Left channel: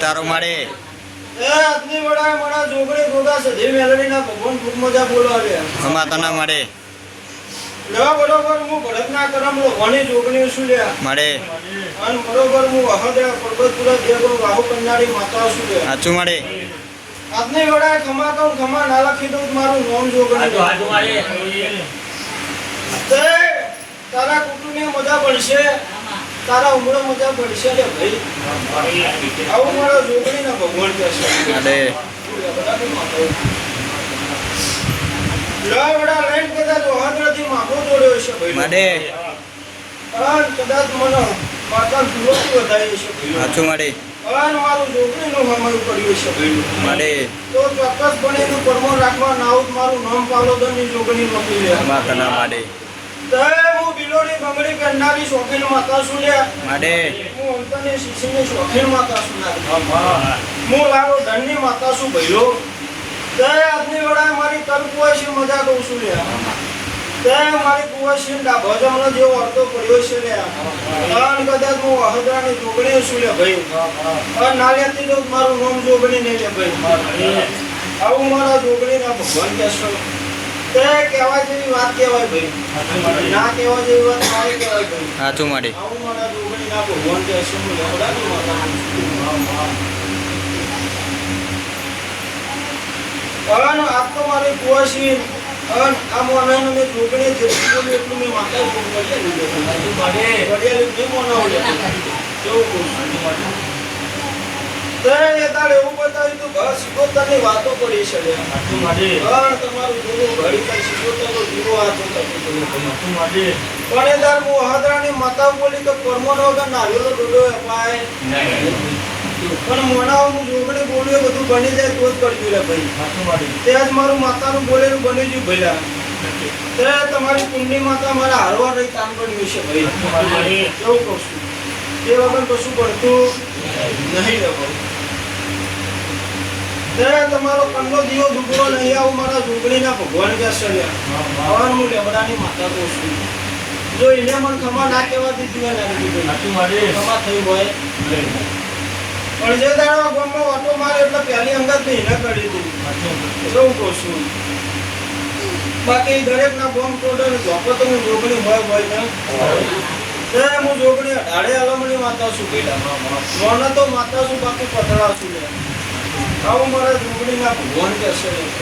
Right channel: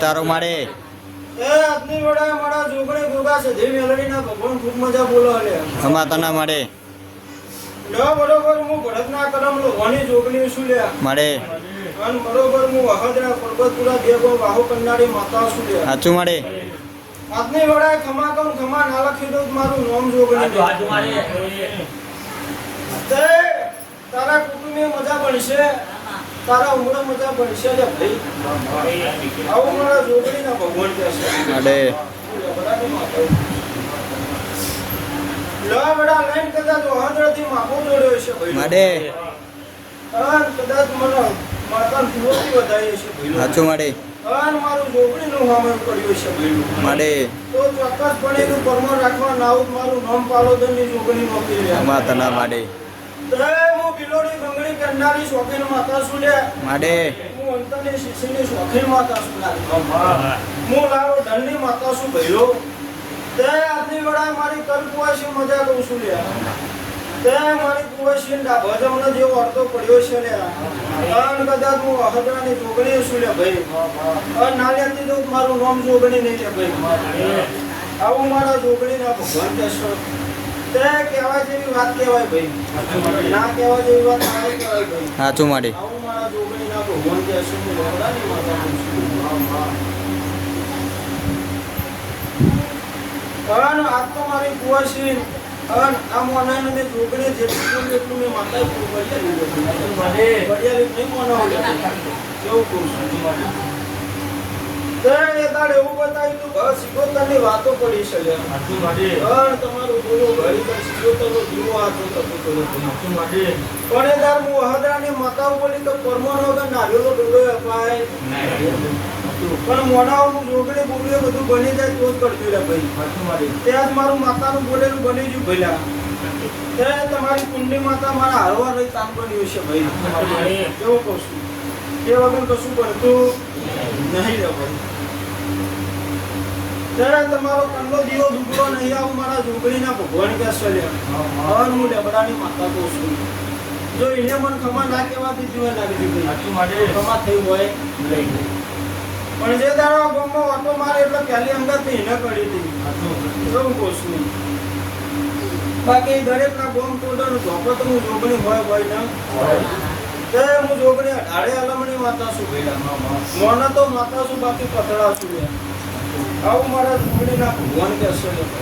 તારો મારે તના મળે બરોબર હું ભરતના કરમ લોકોની જોગણી શું લ્યા મળે અને બરોબર હું અહદરા પર્વતપુરા દેવો વાહુ કંડાળી માતા શું લ્યા સાચું મળે આજની વડા ખમા તો ખમા ના લખી દઉં મારું નામ જોગણી તે તારા કુટુંબની મજા પડશે તારા ઉમરો મજા પડશે ને ભાઈ આવું મારા જોગણી ના ભગવાન કહેશે અરે વડા લઈને કદાચ અહદરાથી માફો જોડ્યો છે ભાઈ મળે કદાચ મને માતા ફૂલોથી વધારી છે ભાઈ સાચું મળે અને મારું જોગણીનું હામયું પડ્યું છે ભાઈ મળે તો ચોક્કસપણે એનું કર્મો રાખવા નાઉત મારું નામ પાલોદનની જોગણી નોકરી લે તના મળે તે હું બિલોડી બંગડી પહેરનારી શોખીન માતા છું લે મળે હું અંતરની શિક્ષીની શોખીન માતા છું હું લાવો ધનની માતા છું ભાઈઓ તે આજની વડા મારી તરકુવાસી મજા કરું છું લે તે મારી કુવાસી ભજમનો જેવો અડધો પડ્યો છે લે અને કદાચ હું અહદરાની જોગણી છું લે ભાઈ અને નાલિયાથી તો મારું નામ જોગણી નહીં લે ભાઈ આવું મારા જોગણીના ભગવાન કહેશો તે કહેવાય જેવી વાત કહેવાય ભાઈ ના કહેવાય જેવી વાત ના કહેવાય ભાઈ સાચું મળે આવું મારા જોગણીના ભગવાન કહેશો અને આ તો મારી કુવાસી અને આ મોનાઈનું મેં જોગણી જેટલું એટલું મેં માતા નહીં મોનાવડે એવું કહું એ તારે એવું બતાવ્યું તું બસ શિકોતરની વાતો પડી છે તમારું જોવું ઘડી પર શિકોતરનો દીવો આ તો તકલીફ પણ એ તાર હું હાદરાની માતાઓ બોલી કે પરમાનો વગર નારિયેળનો ડોડો અપાય પણ મનાવ હું જોગણી બોલું એ બધું બની જાય તો જ કરજો રે ભાઈ ત્યાં જ મારું માતાનું બોલેલું બની ગયું ભૈલા ત્યાં તમારી કુંડની માતા મારા હારવા નહીં કામ બન્યું છે ભાઈ એવું કહું છું એ વગર કશું પડતું નહીં રહો ત્યાં તમારો કંડો દીવો દુબળો નહીં આવું મારા જોગણીના ભગવાન કે ચલ્યા હું લેબડાની માતા કહું છું જો એને મને ખમા ના કહેવાથી જોયા લાગી દીધી ખમા થઈ હોય પણ જે દાડો ગામમાં ઓટો મારે એટલે પહેલી અંગત એને કરી દીધી એવું કહું છું બાકી દરેકના ગોમ ટોડર ધોપો તો હું જોગણી હોય ને તે હું જોગણી અઢાળે આલમણી માતા છું બેટા નોના તો માતા છું બાકી પતળા છું આવું મારા જોગણીના ભગવાન કે છે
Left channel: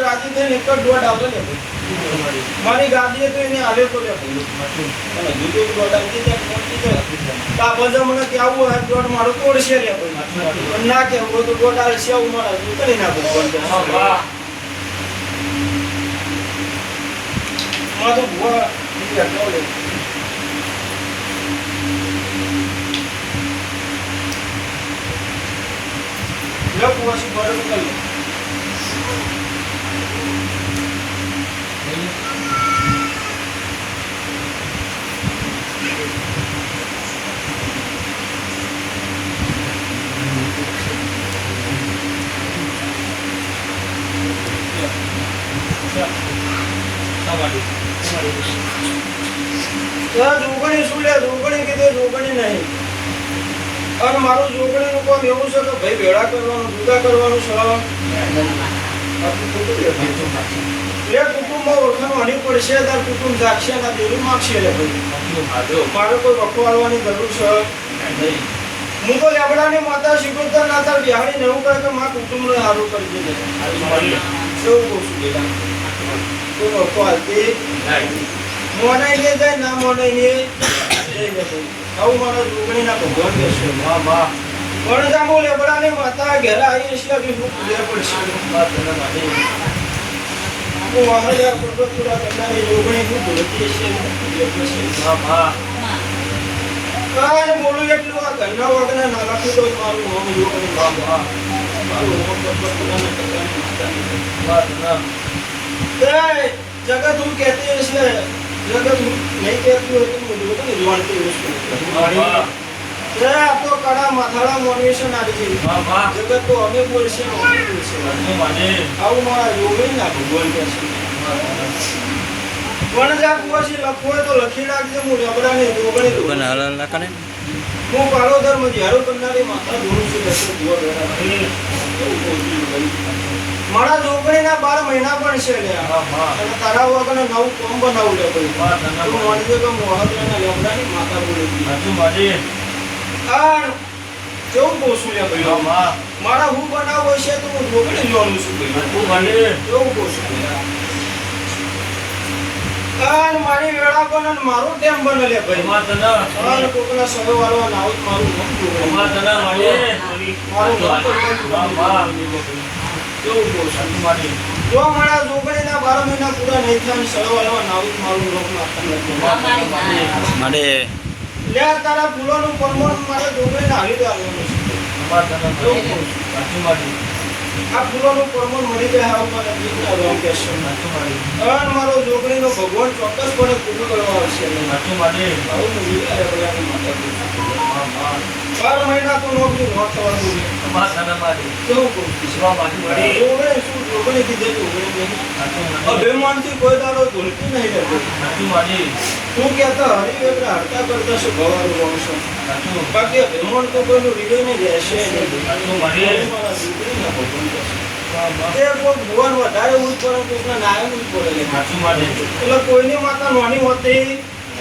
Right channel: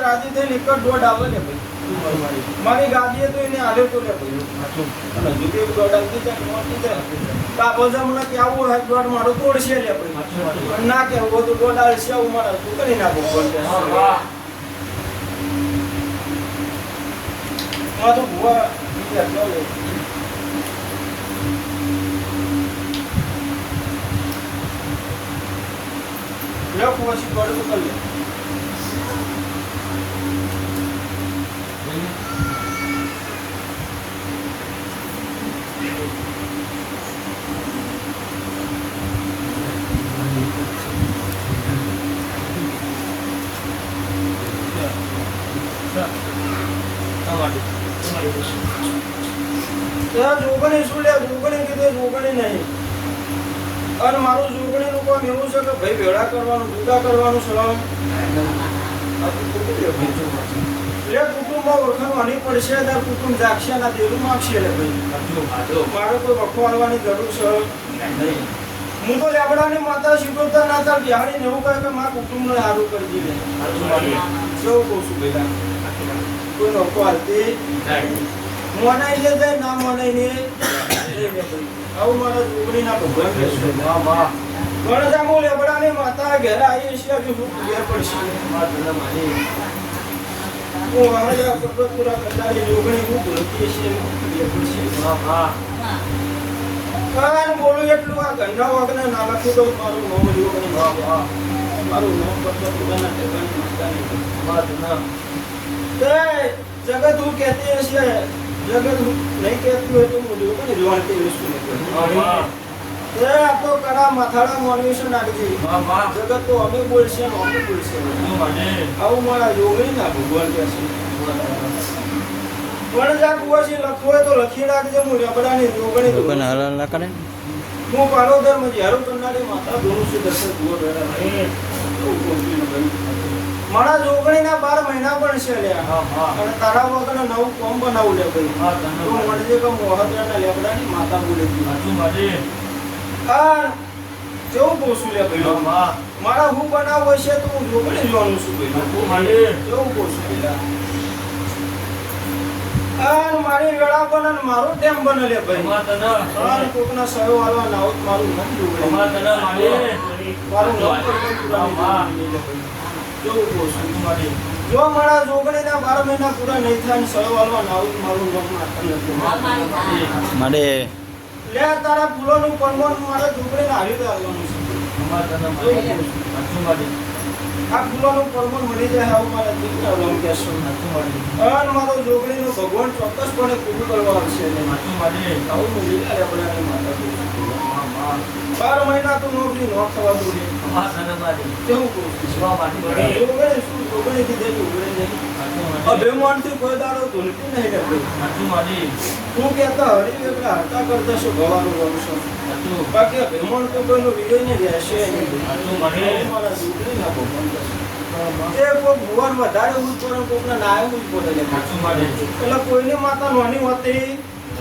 રાજી થઈને એક જ દોડ આવે છે મારી ગાડીએ તો એને હાલે તો લે અને બીજો દોડ આવી જાય પહોંચી જાય તા બધા મને કેવું હોય દોડ મારો તોડશે લે ભાઈ ના કેવું હોય તો દોડ આવે છે મારા કરી નાખો હા તો ભુવા એટલો લે લે પછી ગરમ કરી જોગણી શું લે જોગણી કીધી જોગણી નહીં અને મારું જોગણીનું કામ એવું છે કે ભાઈ ભેળા કરવાનું જુદા કરવાનું સવાલ એ કુટુંબમાં ઓળખાણવાની પડશે ત્યારે કુટુંબ જાગશે ના દેવું માગશે લે ભાઈ મારે કોઈ વખો આવવાની જરૂર છે હું તો લેબડાની માતા શીખવતા ના થાય બિહાડીને એવું કહે કે મારા કુટુંબને સારું કરી દે એવું કહું છું બેટા કોઈ વખો આવતી મોનાઈ લે જાય ના મોનાઈ લે આવું મારા જોગણીના ભગવાન કે છે પણ જામુ લેબડાની માતા ઘેર આવી છે હજુ ખૂબ ઘેર પડશે મહારાજા પ્રગટપુરા કરનારી જોગણી ખૂબ ભરતી છે આ બોલું એટલું આ ઘરના વાગના ના રાખું તો મારું નામ જોગણી મારું નામ પ્રગટપુરાના ટકાની માતાની જગત હું કહેતી હશે જગત નહીં કહેતું હોય તો જોગણી જોણતી વસ્તુ આ તો કડા માથાડા મોનવી છે નાખી જગત તો અમે બોલશે ને અમે બોલશે આવું મારા જોગણી ના ભગવાન કે છે પણ જ્યાં કુવાસી લખવો હોય તો લખી નાખજો હું રબડાની જોગણી હું પાલોદરમાં જ્યારું કરનારી માતા દોરું છું દર્શન જોવા મારા જોગણીના 12 મહિના પણ છે લે અને તારા વગરને નવું કોમ બનાવું લે ભાઈ તો મળજે કે મોહદ્રાના લેબડાની માતા બોલી આ કેવું પોસું લે ભાઈ મારા હું બનાવું હશે તો હું જોગણી જોવાનું છું કેવું પોસું આ મારી વેળા બને મારું ટેમ બને લે ભાઈ અને કોકના સરો વાળવા નાવ મારું નામ જોગણી મારું નામ કેવું પોસું જો મારા જોગણીના 12 મહિના પૂરા નહીં થાય સરો વાળવા નાવ મારું નામ મને લે તારા ફૂલોનું પરમણ મારે જોગણીને આવી તો આવવાનું છે આ ફૂલોનું પરમણ મળી જાય હવે મારે દીકરી આવવાનું કહેશો અને મારો જોગણીનો ભગવાન ચોક્કસપણે પૂરું કરવા આવશે આવું તો જીવ્યા રહેવાની માતા 12 મહિના તો નોકરી ન થવાનું કેવું કહું જોગણી શું જોગણી કીધે જોગણી અભિમાનથી કોઈ દાડો ધૂળતી નહીં રહેતી તું કહેતા હરિવેપરા હરતા કરતા શું ગવારો બનશો બાકી અભિમાન તો કોઈનું વિડે નહીં રહેશે નહીં મારા દીકરીના ભગવાન એ કોઈ ભુવન વધારે ઉઠ પડે કોઈના નાય ઉઠ પડે એટલે કોઈની માતા નાની હોતી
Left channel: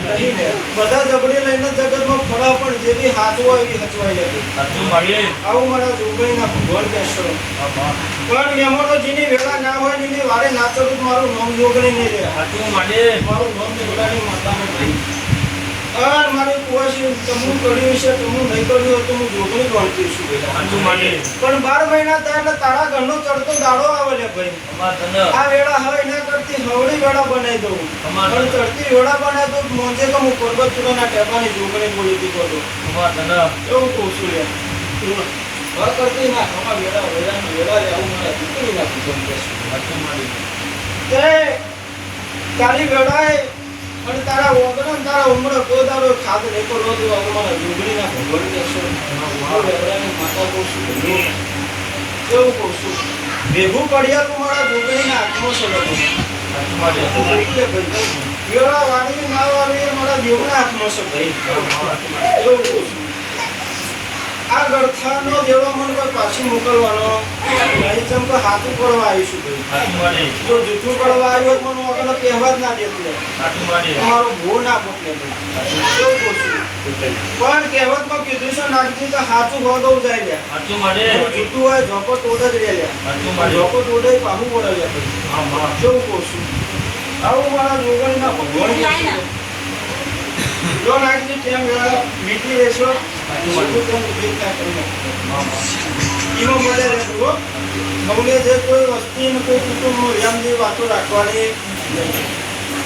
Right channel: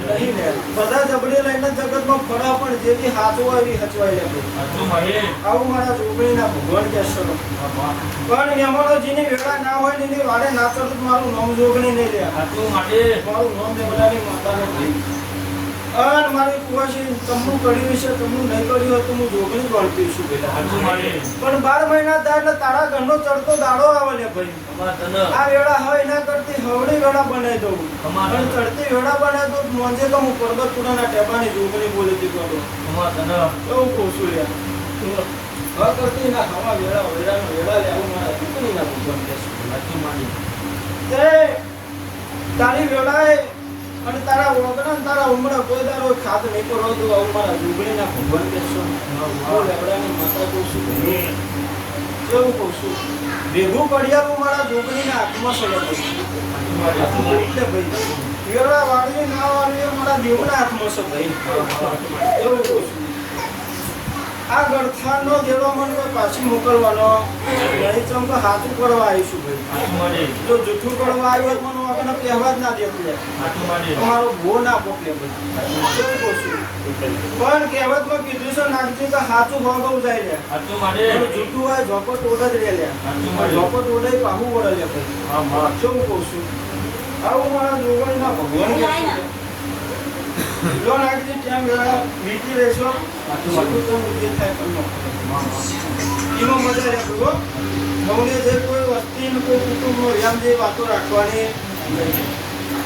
નહીં લે બધા જબડી લઈને જગતમાં ફળા પણ જે બી હાથ હોય એ હચવાઈ જાય સાચું મારી આવું મારા જોગણીના ભગવાન કહેશો પણ એમાંનો જેની વેળા ના હોય ને એની વારે ના ચડું તો મારું નામ જોગણી નહીં લે સાચું મારી મારું નામ દેવડાની માતાનું ભાઈ અને મારી કુવાસી તમનું કર્યું છે તમનું નહીં કર્યું હોય તો હું જોગણી ગણતી છું ભાઈ સાચું મારી પણ 12 મહિના થાય એટલે તારા ઘરનો ચડતો દાડો આવે લે ભાઈ અમાર તને આ વેળા હવે એના કરતી હવડી વેળા બનાવી દઉં અમાર અને ચડતી વેળા બનાવી દઉં મોંજે તો હું પર્વતપુરાના ટેબાની જોગણી બોલી દીધો હતો અમાર તને એવું કહું છું યાર હવે કરતી ના હવા વેળાનો વેળા લે આવું મારા દીકરી ના પૂછવાનું કહેશું સાચું મારી તે તારી વેળાએ અને તારા ઓગણા ને તારા ઉમરા કોઈ દાડો ખાત નહીં કરો તો આવું મારા જોગણીના ભગવાન કહેશો વેળાની માતા કહું છું એવું કહું છું ભેગું કડિયાલું મારા જોગણીના હાથમાં સડકું સાચું મારી વેળા વાળી ના વાળી મારા દેવના હાથમાં છે ભાઈ એવું કહું છું આ ગળથાનો દેવા મને કોઈ પાછી મોકલવાનો નહીં ચમ તો હાથું કરવા આવીશું ભાઈ સાચું મારી જો જૂઠું કરવા આવ્યો તો મને આગળ કહેવા જ ના દેતું લે સાચું મારી તમારો ભો ના પોકે ભાઈ એવું કહું છું પણ કહેવતમાં કીધું છે નાખજી કે હાથું હોદો જાય લે સાચું મારી જૂઠું હોય ઝોપટ ઓઢ જ રે લે સાચું મારી ઝોપટ ઓઢે પાહું વળે લે ભાઈ હા બા એવું કહું છું આવું મારા જુગલના ભગવાન જો નાખજી કેમ મીઠી રહેશો મોટું કેમ દેખાય તમને ઈનો મળે રહેતું હો મૌલે જે કોઈ વસ્તી કોઈ કુટુંબનો એમ જે વાતો રાખવાની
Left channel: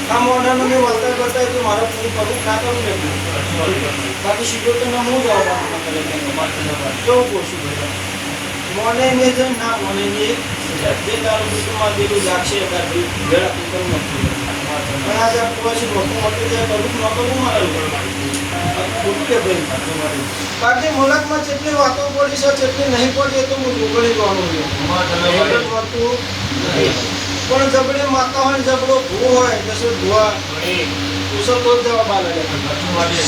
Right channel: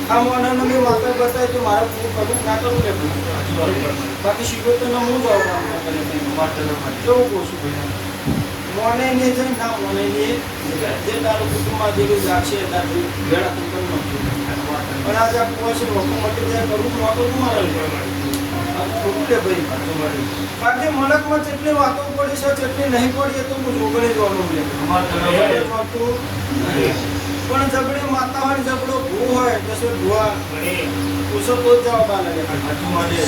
આ મોઢાને મેં વાતો બતાવી તો મારે પૂરું કરવું ખાતર રહેવું સાચું મારી બાકી શીખવતોને હું જવાબ આપવા કરે અમાર તને મારી કેવું કહું છું ભાઈ મોને ને છે ના મોને ને જે તારું કુટુંબમાં જેવું લાગશે એટલા વેળા તું કરી નાખતું પણ આજે આપણું કોઈ મોટું મોટું જે કરવું નહોતું મારે ખોટું કે ભાઈ બાકી મલકમાં જેટલી વાતો પડી છે જેટલી નહીં પડી એ તો હું જોગણી કરવાનું હોય અમાર તને મારી વાતો નહીં પણ જબડે માતા હોય જબડો ભૂ હોય જશો ધોવા પૂછો તો જ જવાબ આલે સાચું મારી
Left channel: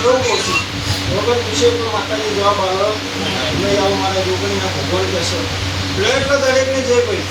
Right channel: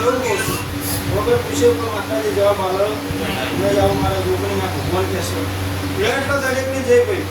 એવું કહું છું વગર પૂછે તો માતાજી જવાબ આલો નહીં આવું મારા જોગણીના ભગવાન કહેશે એટલે દરેકને જે ભાઈ